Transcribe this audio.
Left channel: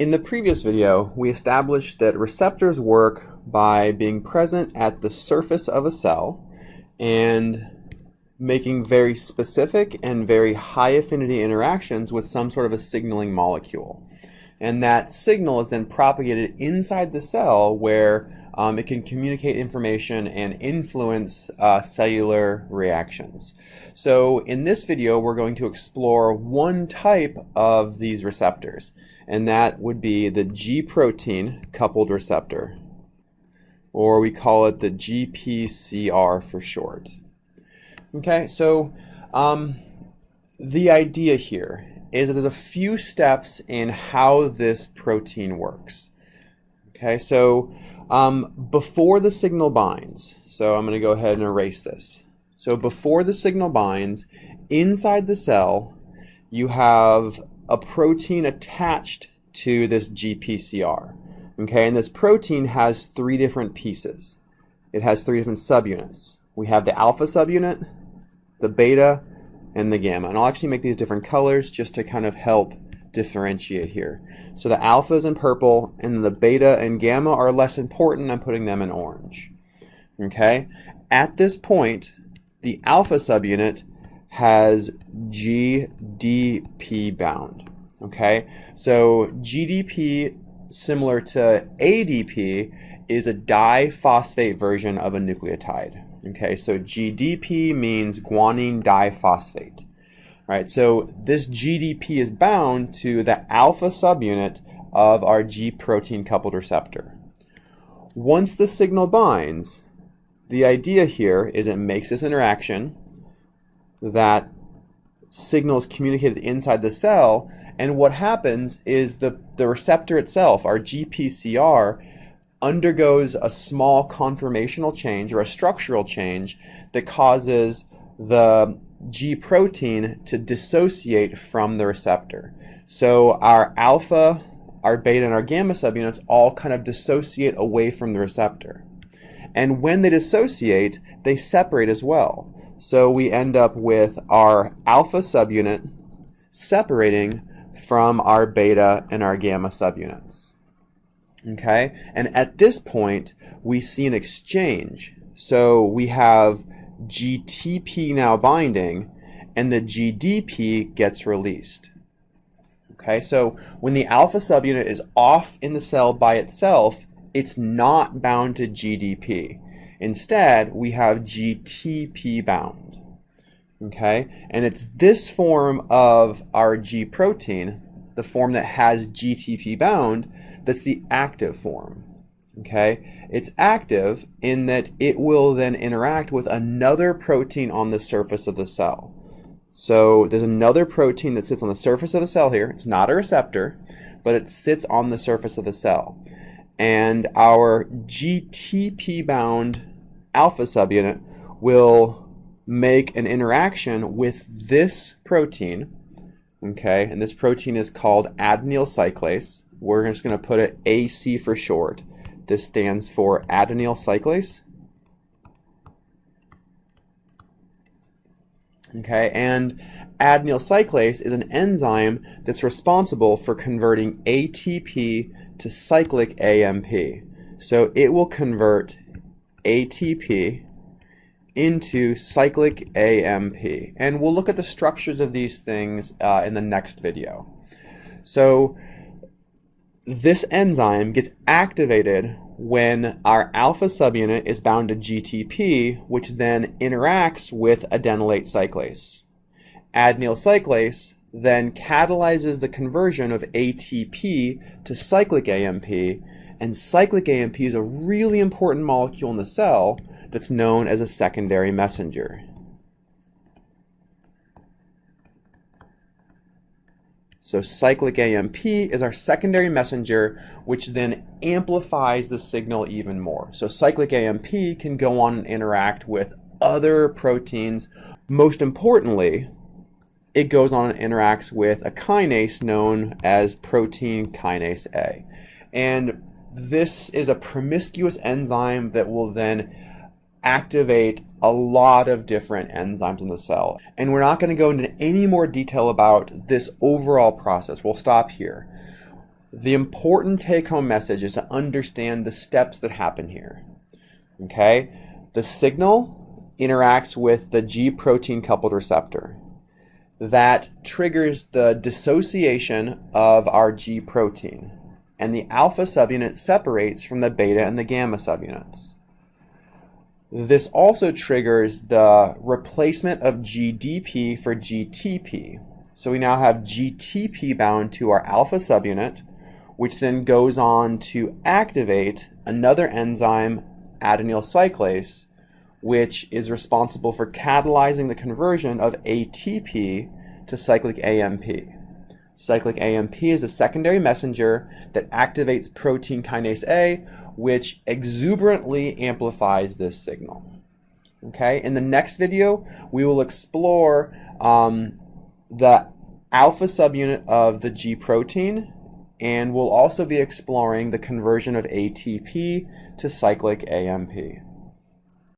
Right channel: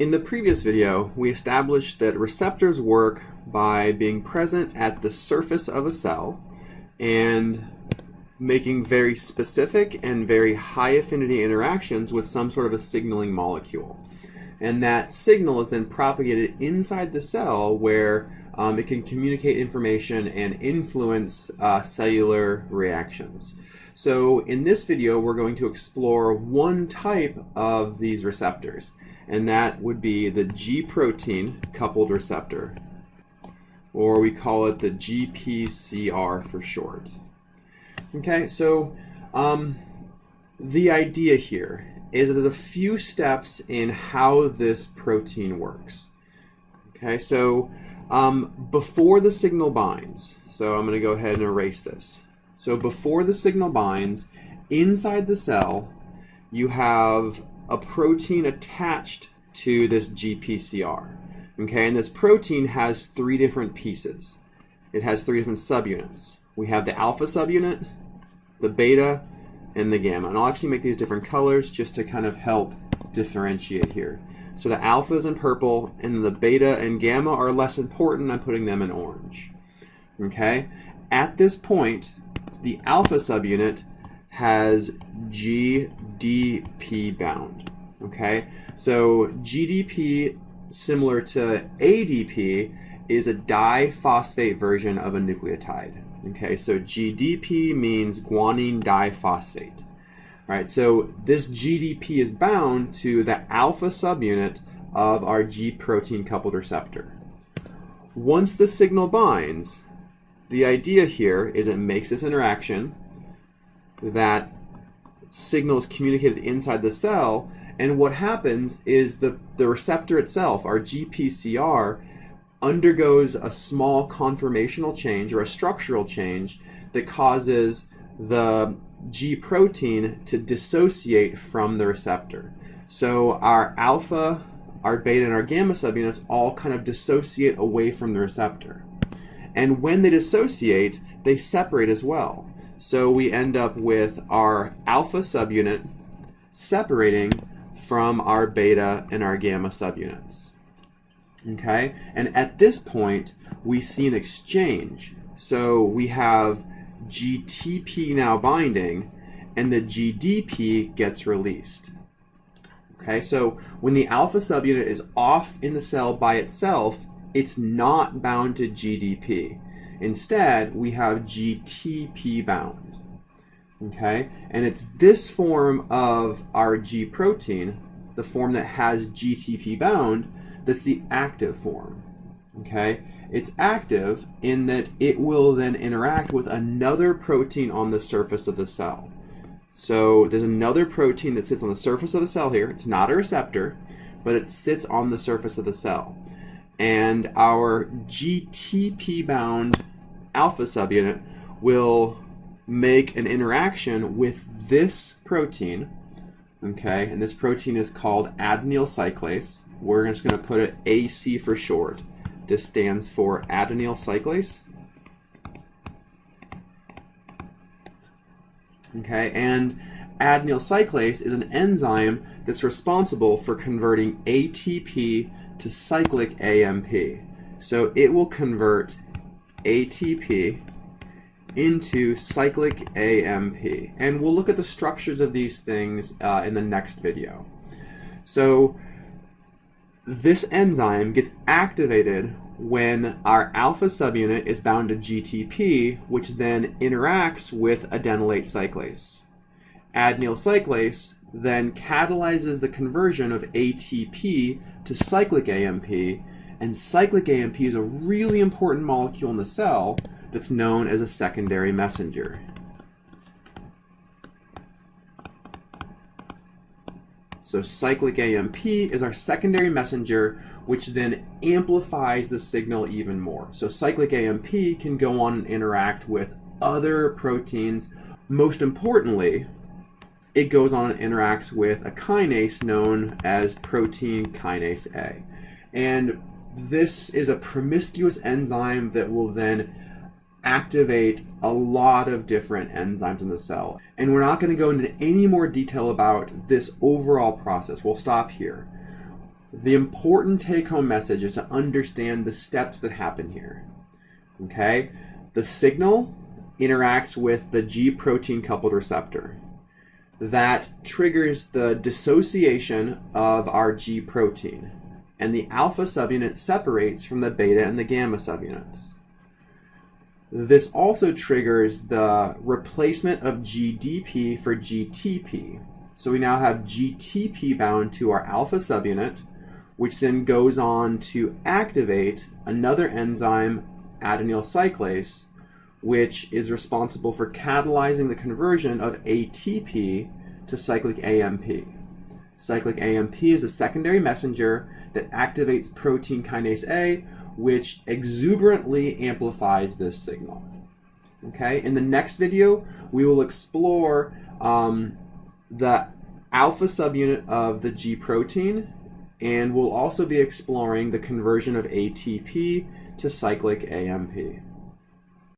In the previous video, we established that receptors work by being present at the surface of a cell and making very specific and very high affinity interactions with some sort of a signaling molecule. And that signal is then propagated inside the cell where it can communicate information and influence cellular reactions. So in this video, we're going to explore one type of these receptors, and that would be the G protein coupled receptor, or we call it the Gpcr for short. Okay, so the idea here is that there's a few steps in how this protein works. Okay, so before the signal binds, so I'm going to go ahead and erase this. So before the signal binds, inside the cell, you have a protein attached to this Gpcr. Okay, and this protein has three different pieces. It has three different subunits. We have the alpha subunit, the beta, and the gamma. And I'll actually make these different colors just to kind of help differentiate here. So the alpha is in purple, and the beta and gamma are less important. I'm putting them in orange. Okay, at this point, the alpha subunit has GDP bound. Okay, so GDP, similar to ADP, is a diphosphate version of a nucleotide. Okay, so GDP means guanine diphosphate. Right, so this GDP is bound to the alpha subunit of our G protein coupled receptor. Once the signal binds, the idea here is it makes this interaction. That signal is communicated inside the cell, and what happens is the receptor itself, our Gpcr, undergoes a small conformational change or a structural change that causes the G protein to dissociate from the receptor. So our alpha, our beta, and our gamma subunits all kind of dissociate away from the receptor. And when they dissociate, they separate as well. So we end up with our alpha subunit separating from our beta and our gamma subunits. Okay, and at this point, we see an exchange. So we have GTP now binding, and the GDP gets released. Okay, so when the alpha subunit is off in the cell by itself, it's not bound to GDP. Instead, we have GTP bound. Okay, and it's this form of our G protein, the form that has GTP bound, that's the active form. Okay, it's active in that it will then interact with another protein on the surface of the cell. So there's another protein that sits on the surface of the cell here. It's not a receptor, but it sits on the surface of the cell. And our GTP bound alpha subunit will make an interaction with this protein. Okay, and this protein is called adenyl cyclase. We're just going to put it AC for short. This stands for adenyl cyclase. Okay, and adenyl cyclase is an enzyme that's responsible for converting ATP to cyclic AMP. So it will convert ATP into cyclic AMP. And we'll look at the structures of these things in the next video. So this enzyme gets activated when our alpha subunit is bound to GTP, which then interacts with adenylate cyclase. Adenyl cyclase then catalyzes the conversion of ATP to cyclic AMP, and cyclic AMP is a really important molecule in the cell that's known as a secondary messenger. So cyclic AMP is our secondary messenger, which then amplifies the signal even more. So cyclic AMP can go on and interact with other proteins. Most importantly, it goes on and interacts with a kinase known as protein kinase A. And this is a promiscuous enzyme that will then activate a lot of different enzymes in the cell. And we're not going to go into any more detail about this overall process. We'll stop here. The important take-home message is to understand the steps that happen here. Okay? The signal interacts with the G protein coupled receptor. That triggers the dissociation of our G protein, and the alpha subunit separates from the beta and the gamma subunits. This also triggers the replacement of GDP for GTP. So we now have GTP bound to our alpha subunit, which then goes on to activate another enzyme, adenyl cyclase, which is responsible for catalyzing the conversion of ATP to cyclic AMP. Cyclic AMP is a secondary messenger that activates protein kinase A, which exuberantly amplifies this signal. Okay, in the next video, we will explore the alpha subunit of the G protein, and we'll also be exploring the conversion of ATP to cyclic AMP.